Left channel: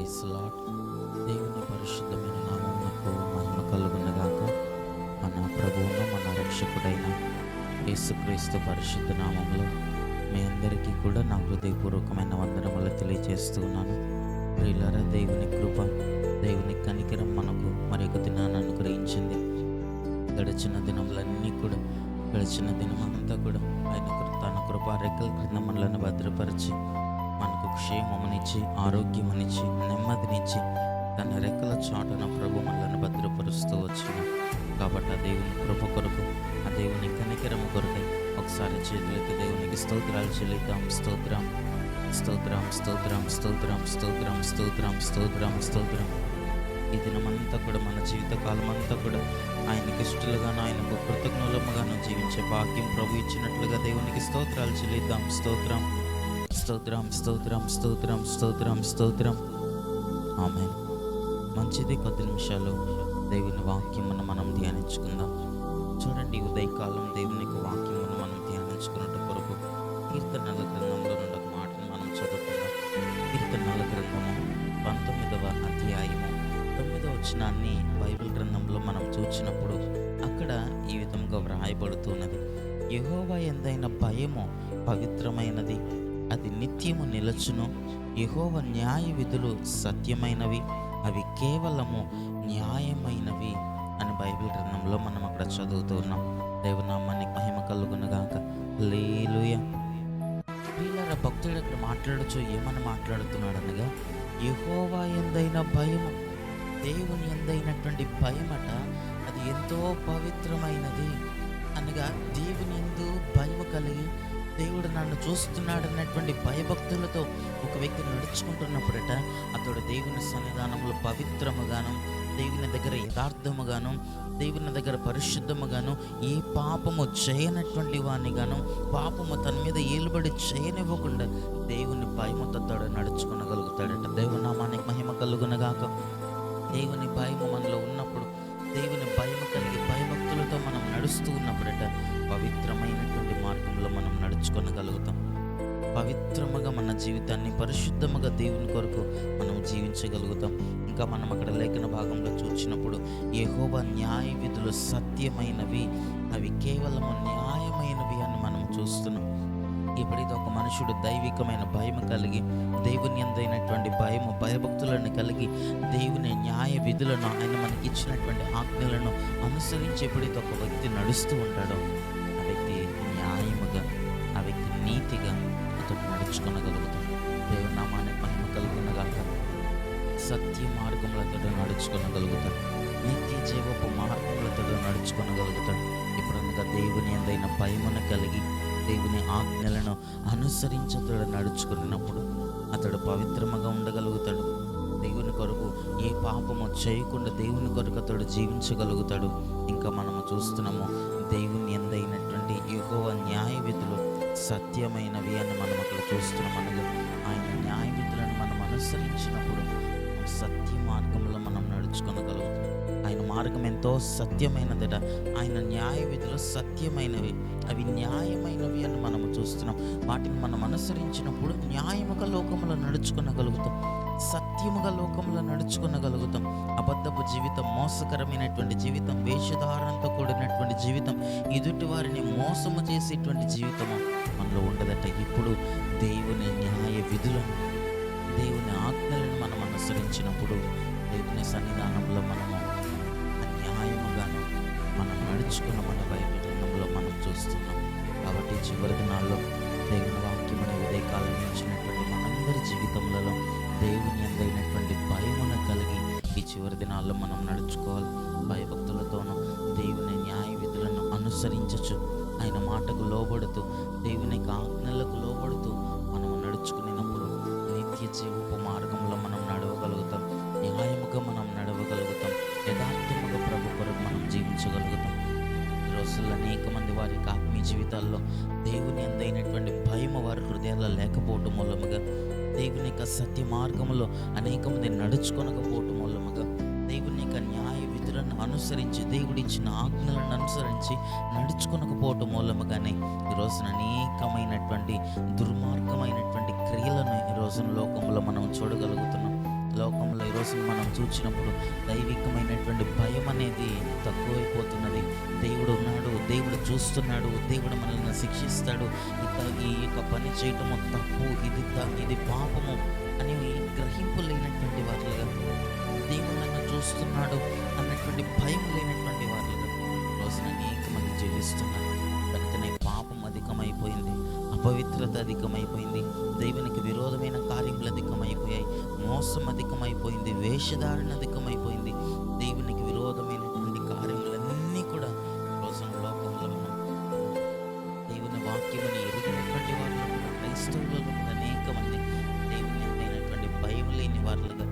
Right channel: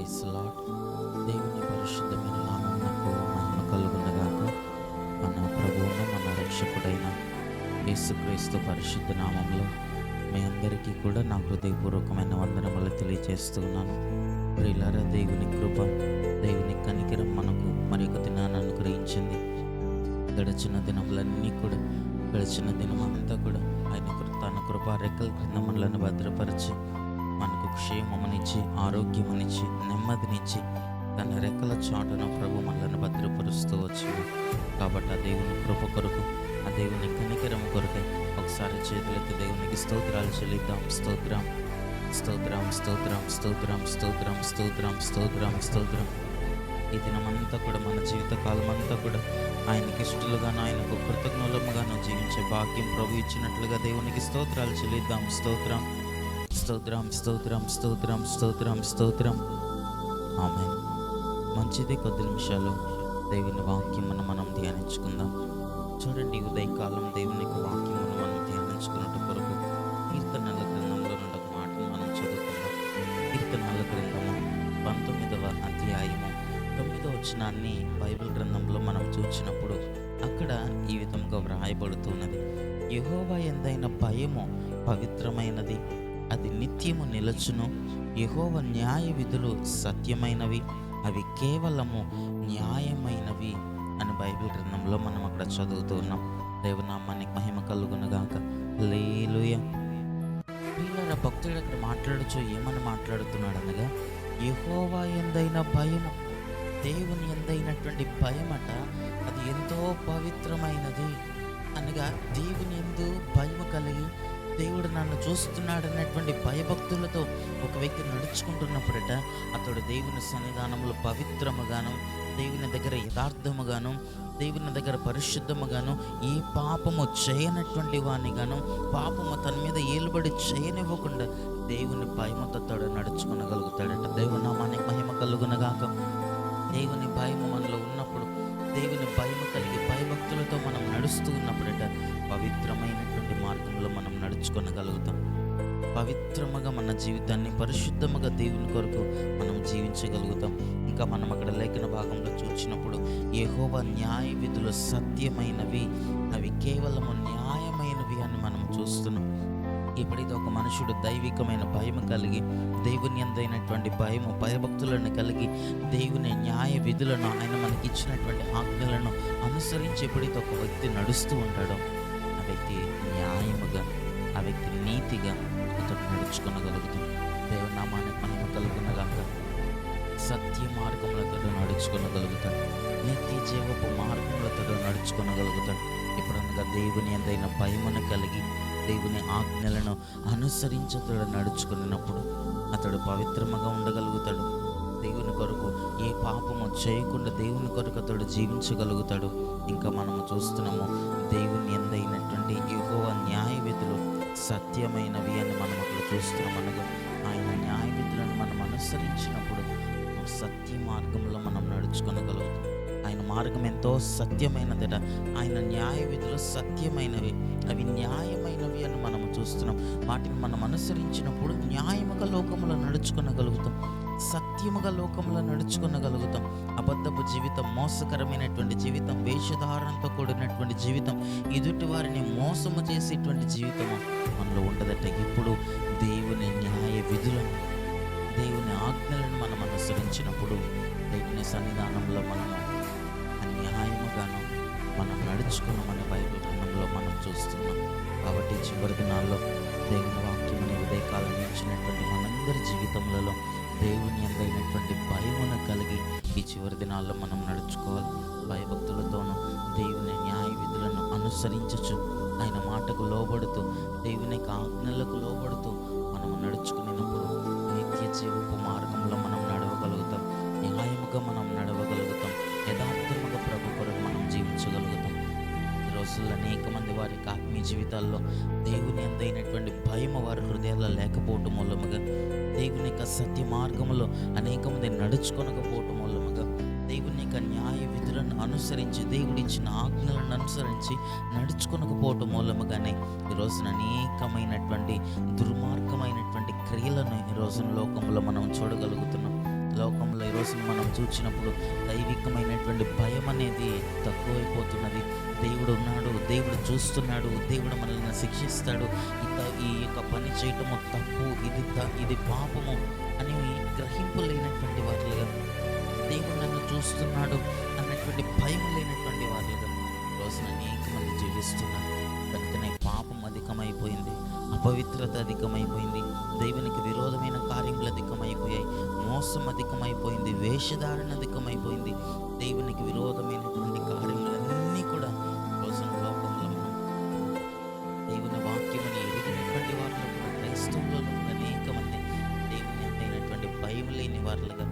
Praise lord. దేవుని పరిశుద్ధమైన నామమునకు మహిమ కలుగునగాక. మన ప్రభువును మన రక్షకుడైన యేసుక్రీస్తు పరిశుద్ధ నామంలో మీ అందరికీ కూడా నా హృదయపూర్వకమైన వందనములు తెలియజేస్తున్నాను. ప్రియులారా, దేవుని కృప, దేవుని కనికరం మనకు మరి ఒక దినాన్ని అనుగ్రహించింది. గడిచిన దినమంతా కూడా ఆయన తన కృపా రెక్కల క్రింద మనలను భద్రపరిచి మనకు క్షేమమునిచ్చి, ఆరోగ్యమునిచ్చి, నెమ్మదినిచ్చి తన రెక్కల చాటున ప్రభు మనలను భద్రపరుస్తూ వచ్చిన కాబట్టి ఆ దేవుని కృప కొరకు, ఆ దేవుని కనికరము కొరకై ఒకసారి చేతులైతే దేవునికి స్తోత్రాలు చెల్లిద్దాం. స్తోత్రం, స్తోత్రం, స్తోత్రం, స్తోత్రం, స్తోత్రం, స్తోత్రం, స్తోత్రం, స్తోత్రం. ఈ దినమంతా కూడా మన జీవితకాలం అంతా కూడా ఆయనకి ఇష్టలుగాను, ఆయనకు కృతజ్ఞులముగాను జీవించే భాగ్యం ప్రభు ఇచ్చినట్లుగా దేవునికి స్తోత్రాలు చెల్లిద్దాం. స్తోత్రం, స్తోత్రం, స్తోత్రం, స్తోత్రం, స్తోత్రం, స్తోత్రం. ఆమేన్. మంచిది, కొద్ది నిమిషాలు దేవుని వాక్యమును మనం ధ్యానించుకుందాం. చూడండి, ఉదయకాలం దేవుని యొక్క వాక్యమును మనం ధ్యానించుకున్నట్టు కొరకు కీర్తనల గ్రంథంలో నుండి ఒక మాటను మనం చదువుకుందాం. కీర్తనల గ్రంథము 19వ అధ్యాయము 9వ వచనాన్ని బైబిల్ గ్రంథంలో మనం చూచినప్పుడు అక్కడ ఈ విధంగా వ్రాయబడుతున్నది: యెహోవా యందైన భయము పవిత్రమైనది, అది నిత్యము నిలచును. యెహోవా న్యాయ విధులు సత్యమైనవి, అవి కేవలము న్యాయమైనవి అని బైబిల్ గ్రంథంలో మనం అక్కడ చదువుతూ ఉన్నాం. దేవునామానికి మహిమ కలుగునుగాక. హల్లెలూయా. ప్రియులారా, భక్తుడు అక్కడ మాట్లాడచ్చు ఏమని మాట్లాడుతున్నాడు అనగా, యెహోవా యందైన భయము, దేవుని యందైనటువంటి భయమట అది ఎంతో పవిత్రమైనది అనగా, దేవుని యందు భయము కలిగి దేవుడు నన్ను చూస్తున్నాడు అన్నటువంటి భయభక్తులతో ఒక వ్యక్తి నడుచుకుంటున్నప్పుడట అతడు దేవుని సన్నిధానంలో పవిత్రముగాను, దేవుని దగ్గర యథార్థముగాను, దేవుని దగ్గర పరిశుద్ధముగాను, ఏ పాపము చేయనటువంటి వాణ్ణిగాను, పాపము తన మీద ఏలుబడి చేయనివ్వకుండా దేవుని భయముతో అతడు నడుచుకునగలుగుతాడట. దేవుని నామానికి మహిమ కలుగునగాక. దేవుని భయము మనలో ఉన్నప్పుడు, దేవుని భయము కలిగి భయభక్తులతో మనం నడుస్తూ ఉన్నప్పుడట పవిత్రమైనటువంటి మార్గంలో మనం నడుచుకొనగలుగుతాం. పవిత్రముగా మన జీవితాన్ని పరిశుద్ధముగా దేవుని కొరకు మనం జీవించగలుగుతాం. ఇంకా మనం అక్కడ లేఖన భాగంలో చూసినప్పుడు యెహోవా న్యాయ విధులు సత్యమైనవి, అవి కేవలము న్యాయమైనవి అని మనం చూస్తున్నాం. ఎప్పుడైతే ఒక మనుషుడు దైవికమైన భయము కలిగి, దేవుని యందైనటువంటి భయము భయభక్తులను కలిగి, దేవుని న్యాయ విధులను, ఆయన మనకి ఇచ్చినటువంటి ఆజ్ఞలను అనుసరించి ఎప్పుడైతే ఒక వ్యక్తి నడుస్తూ ఉంటాడో ఆ వ్యక్తి న్యాయముగా, ఆ వ్యక్తి నీతిగా అతడు నడుచుకొనగలుగుతాడు. దేవుని నామానికి మహిమ కలుగునగాక. సత్య మార్గములతో నడుచుకొనగలుగుతాడు, నిత్య జీవపు మార్గములతో నడుచుకొనగలుగుతాడు. ఎప్పుడనగా దేవుని యందైన భయమును కలిగి, దేవుని ఆజ్ఞలను అనుసరించతడు నడుచుకున్నప్పుడు అతడు పవిత్రముగా ఉండగలుగుతాడు. దేవుని కొరకు ఏ పాపము చేయకుండా దేవుని కొరకు అతడు జీవించగలుగుతాడు. ఇంకా మనము చూస్తున్నాము, దేవుని యందైనటువంటి యెహోవా న్యాయ విధులు సత్యమైనవి అని మనం అక్కడ చూస్తున్నాం. అనగా ఆయన న్యాయ విధులను మనం అనుసరించినప్పుడు సత్య మార్గంలో మనం నడుచుకొనగలుగుతాం. ఆయన మార్గం ఎంతో సత్యమైనదట. ఆయన న్యాయ విధులు సత్యమైనవి, అవి న్యాయమైనవి అని మనం చూస్తున్నాం. వాటిని మనం అనుసరించినప్పుడు న్యాయముగా లోకములో నడుచుకొనగలుగుతాం, సత్యముగా లోకంలో నడుచుకొనగలుగుతాం. అబద్ధపు జీవితం, మోసకరమైనటువంటి జీవితం, వేషధారణతో కూడినటువంటి జీవితం, ఎదుటి వారిని మోసము చేసేటువంటి జీవితము మనలో ఉండదట. ఇప్పుడు దేవుని న్యాయ విధులను, దేవుని ఆజ్ఞలను మనం అనుసరించినప్పుడు దేవుని సన్నిధానంలో మనము అన్యాయముగాను మనం నడుచుకున్నామని బైబిల్ గ్రంథంలో మనం చూస్తున్నాం. కాబట్టి చివరి దినాల్లో దేవుని వాక్యం అనే ఉదయకాలం నుంచినటువంటి మనందరి జీవితంలో దేవుని యందైనటువంటి భయమును కలిగి ఈ చివరి దినాల్లో మనం నడుచుకోవాలి. భయభక్తులతోనూ దేవుని న్యాయ విధులను అనుసరించచ్చు, ఆయన మాటకు లోబడుతూ, దేవుని ఆజ్ఞలకు లోబడుతూ మనము నడుచుకునేటప్పుడు నిత్య జీవపు మార్గంలో మనం నడవగలుగుతాం, న్యాయముగా మనం నడవగలుగుతాం, యథార్థముగా ప్రభు కొరకు మనం జీవించగలుగుతాం. ఈ రోజుల్లో అనేక మంది వారి ఆత్మీయ జీవితాల్లో దేవుని యందైనటువంటి భయము వారి హృదయాల్లో లేకపోవటం మూలముగా, దేవుని యొక్క సత్య మార్గంలో అనేక మంది నడుచుకొనకపోవటం మూలముగా, దేవుని యొక్క న్యాయ విధులను అనుసరించి, దేవుడిచ్చిన ఆజ్ఞలను అనుసరించి నడుచుకొనకపోవటం మూలముగానే ఈ రోజున అనేకమైనటువంటి దుర్మార్గమైనటువంటి క్రియలను ఈ రోజున లోకంలో మనం చూడగలుగుతున్నాం. లోకంలో ఈరోజు మనం చూసినప్పుడు దైవికమైనటువంటి భయం అనేది తక్కువైపోతున్నది. దేవుడు ఉన్నాడు, దేవుడు చూస్తున్నాడు, దేవుడు మనల్ని శిక్షిస్తాడు, ఈ యొక్క పని చేయటము తప్పు, ఇది పాపము అని గ్రహింపు లేనటువంటి వారులుగా, దేవుడు నన్ను చూస్తున్నాడు అన్నటువంటి భయం లేనటువంటి వారులుగా రోజున అనేక మంది జీవిస్తున్నారు. కనుకనే పాపం అధికమైపోయింది, అపవిత్రత అధికమైపోయింది, దేవునికి విరోధమైన కార్యములు అధికమైపోయాయి, మోసం అధికమైపోయింది, వేషధారణ అధికమైపోయింది. దేవునికి విరోధమైనటువంటి కార్యములన్నీ కూడా రోజున లోకంలో మనం దేవుని వాక్యముని ఎరిగినటువంటి వారిలో కూడా, క్రైస్తవులలో కూడా అనేక మంది దేవుని అయినటువంటి భయం లేని వారులుగా,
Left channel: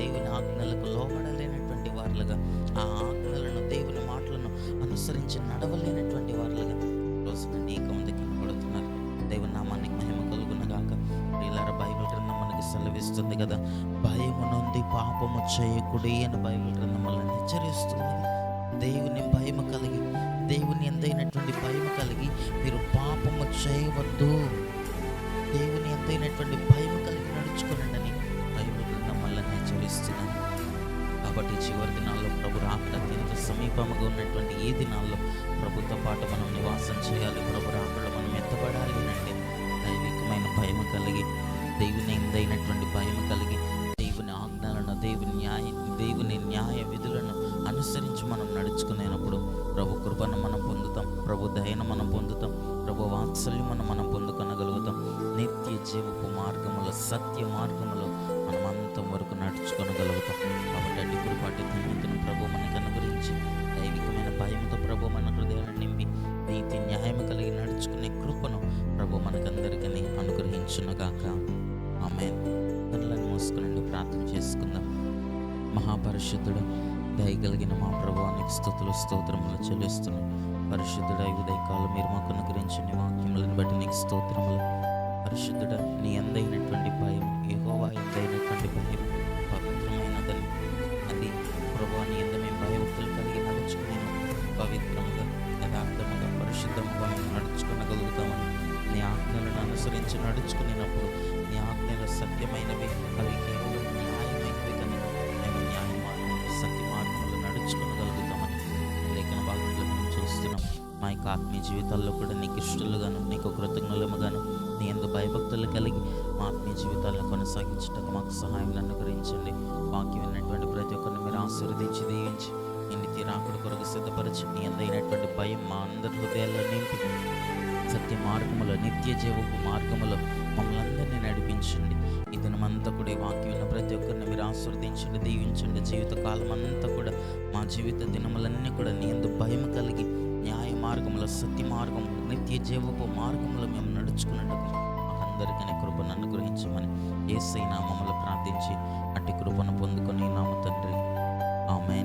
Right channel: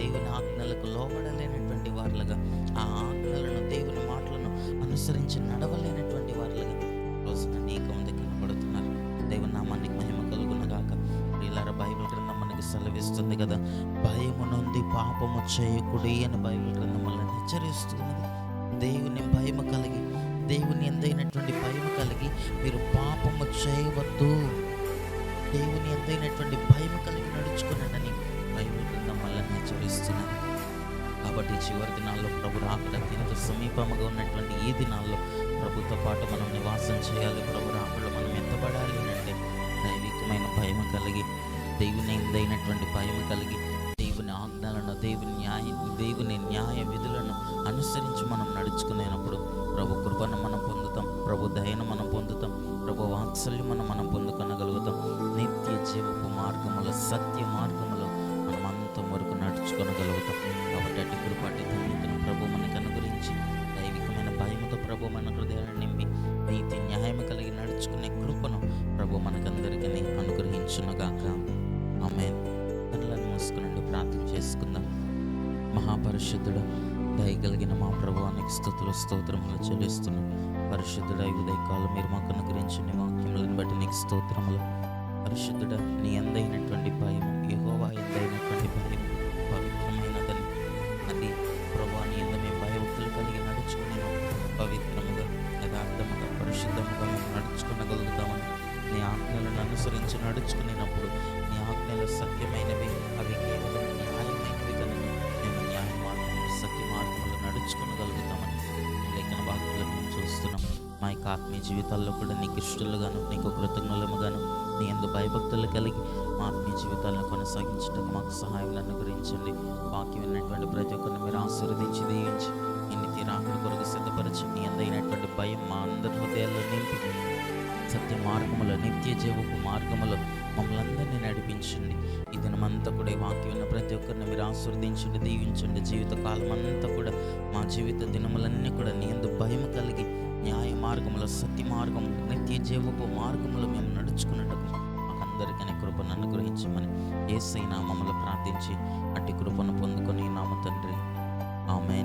దేవుని ఆజ్ఞలకు లోబడలేనటువంటి వారులుగా, ఆ ఆజ్ఞలను దేవుని మాటలను అనుసరించి నడవలేనటువంటి వారులుగా రోజున అనేక మంది కనబడుతున్నారు. దేవుని నామానికి మహిమ కలుగునగాక. ప్రియులారా, బైబిల్ గ్రంథం మనకి సెలవిస్తుంది కదా, భయము నుండి పాపము చేయకుడి అని బైబిల్ గ్రంథం మనల్ని హెచ్చరిస్తున్నది. దేవుని భయము కలిగి, దేవుని ఎందైనటువంటి భయము కలిగి మీరు పాపము చేయవద్దు, దేవుని ఎందైనటువంటి భయము కలిగి నడుచుకునండి బైబిల్ గ్రంథం మనల్ని హెచ్చరిస్తున్నది. కాబట్టి చివరి దినాల్లో ప్రభు రాకడ అత్యంత సమీపముగా ఉన్నటువంటి ఈ దినాల్లో ప్రభుతో పాటు మనం నివాసం చేయాలి. ప్రభు రాకడలో మనం ఎత్తబడాలి అంటే దైవికమైన భయం కలిగి, దేవుని ఎందైనటువంటి భయం కలిగి, దేవుని ఆజ్ఞలను, దేవుని న్యాయ విధులను అనుసరించి మనం నడుచుకునేటప్పుడు ప్రభు కృపను మనం పొందుతాం, ప్రభు దయను మనం పొందుతాం, ప్రభు వాత్సల్యం మనం పొందుకొనగలుగుతాం. నిత్య జీవపు మార్గములో, సత్య మార్గములో మనం అంతం వరకు నడుచుకొనగలుగుతాం. కాబట్టి అటు కృప, అటు ధన్యతను ప్రభు మనకు అనుగ్రహించి, దైవికమైన భయముతో ప్రభు మన హృదయాన్ని నింపి నీతి న్యాయము కలిగి నడుచుకునే కృపను ప్రభు మనకందరికీ అనుగ్రహించునుగాక. ఆమేన్. కన్నులను మూసుకుని ప్రార్థన చేసుకుందాం. మహాపరిశుద్ధుడు, దయగలిగిన మా ప్రభువానికి స్తుతులు స్తోత్రములు చెల్లిస్తున్నాం. పరిశుద్ధుడ, ఈ ఉదయకాలం మీరు మాకు అనుగ్రహించిన వాక్యములను బట్టి నీకు స్తోత్రములు. పరిశుద్ధుడ, నీ ఎందైనటువంటి భయము, యెహోవా ఎందైనటువంటి భయం పవిత్రమైనదని, అది ప్రభువా నీ యందు మేము భయభక్తులు కలిగి నడుచుకున్నాము. పవిత్రముగా, యథార్థముగా, పరిశుద్ధముగా మేము నడుచుకునగలుగుతామని, నీ ఆజ్ఞలను అనుసరించి నడుచుకునేటప్పుడు నీ ఆజ్ఞలు సత్యమైనవి, అవి కేవలం న్యాయమైనవి కనుక మేము న్యాయ మార్గం, సత్య మార్గంలో నడుచుకునగలుగుతామని లేఖన భాగంలో మేము చూస్తున్నాం. మా యొక్క ఆత్మీయ జీవితాల్లో కూడా నీకు ఇష్టలుగాను, నీకు కృతజ్ఞులముగాను, నీ యందు భయభక్తులు కలిగి మా ఆత్మీయ జీవితాలను కొనసాగించడానికి మాకు సహాయం అనుగ్రహించండి. వాక్యం విన్నటువంటి ప్రతి ఒక్కరిని మీరు ఆశీర్వదించి, దీవించి, నీ నిత్య రాకడ కొరకు సిద్ధపరిచి, నీ ఎందైనటువంటి భయం మా అందరి హృదయాల్లో నింపి, సత్య మార్గములో, నిత్య జీవపు మార్గములో మమ్మల్ని అందరినీ నడిపించండి. ఈ దినమంతా కూడా ఈ వాక్యం విన్న ప్రతి ఒక్కరిని మీరు ఆశీర్వదించండి, దీవించండి. జీవిత కాలం అంతా కూడా మా జీవిత దినములన్నీ కూడా నీ యందు భయం కలిగి, న్యాయ మార్గములో, సత్య మార్గములో, నిత్య జీవపు మార్గములో మేము నడుచుకున్నట్టుకు మాకందరికీ కృపను అనుగ్రహించమని యేసయ్య నామములో ప్రార్థించి అట్టి కృపను పొందుకొని నామ తండ్రి. ఆమేన్.